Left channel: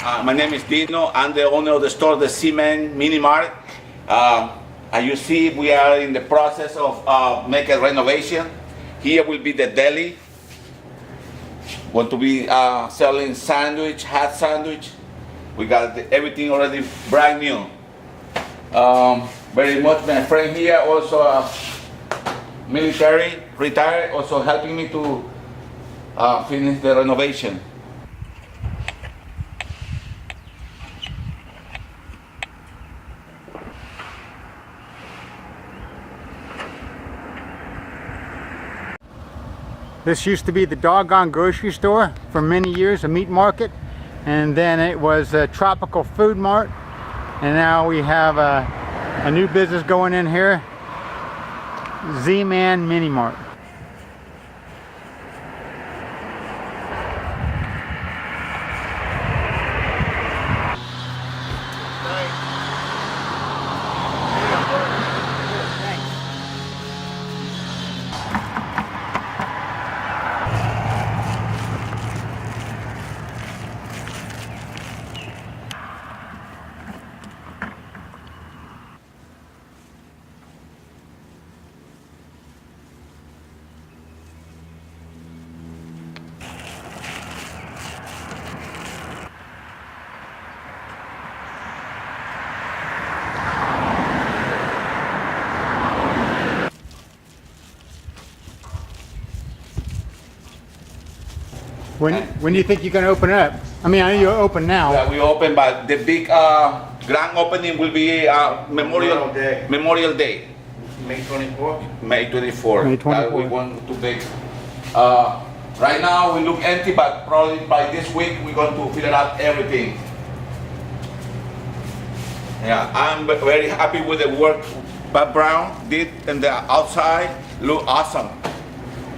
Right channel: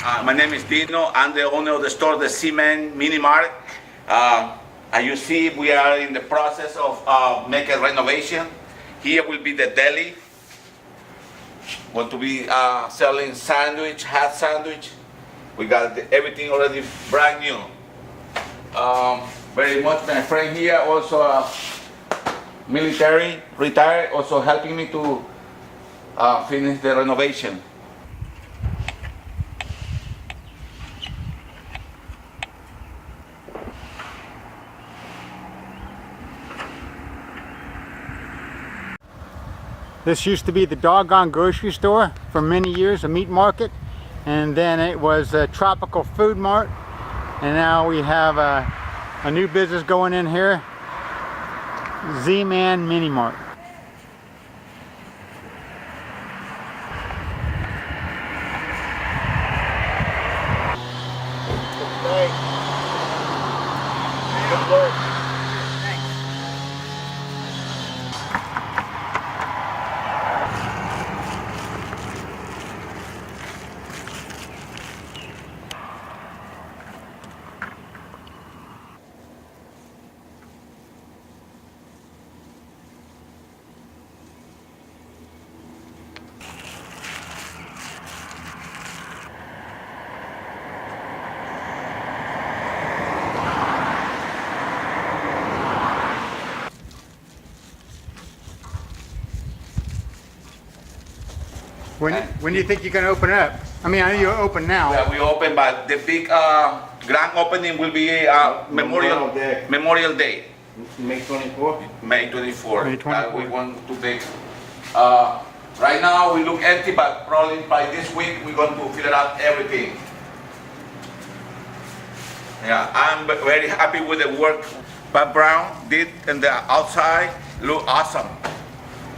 My name is Dino. I'm the owner of the store, the Z-Man Mini Mart. As you see, we are in the process of making a renovation. Here will be the deli. Want to be selling sandwich, hot sandwich. We got everything already brand new. Very much my friend here, also military, retired, also helping me to finish the renovation. This used to be the Doggone grocery store for many years, a meat market, and then it was a tropical food mart, and now we have a new business going in here, Z-Man Mini Mart. When do you think you're going to open it up? I mean, I know you're open now. Yeah, we open, but the big grand opening will be Memorial Day. May 24th? May 24th. May 24th. We want to make. Right now we look empty, but probably by this week we're going to fill it up everything. Yeah, I'm very happy with the work Bob Brown did in the outside. Look awesome.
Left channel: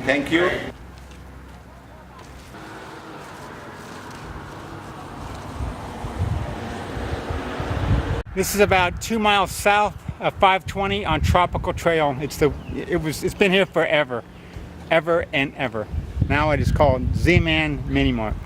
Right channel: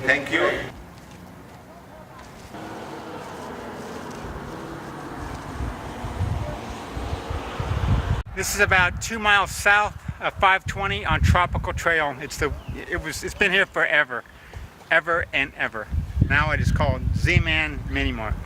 Thank you. This is about 2 miles south of 520 on Tropical Trail. It's been here forever, ever and ever. Now it is called Z-Man Mini Mart.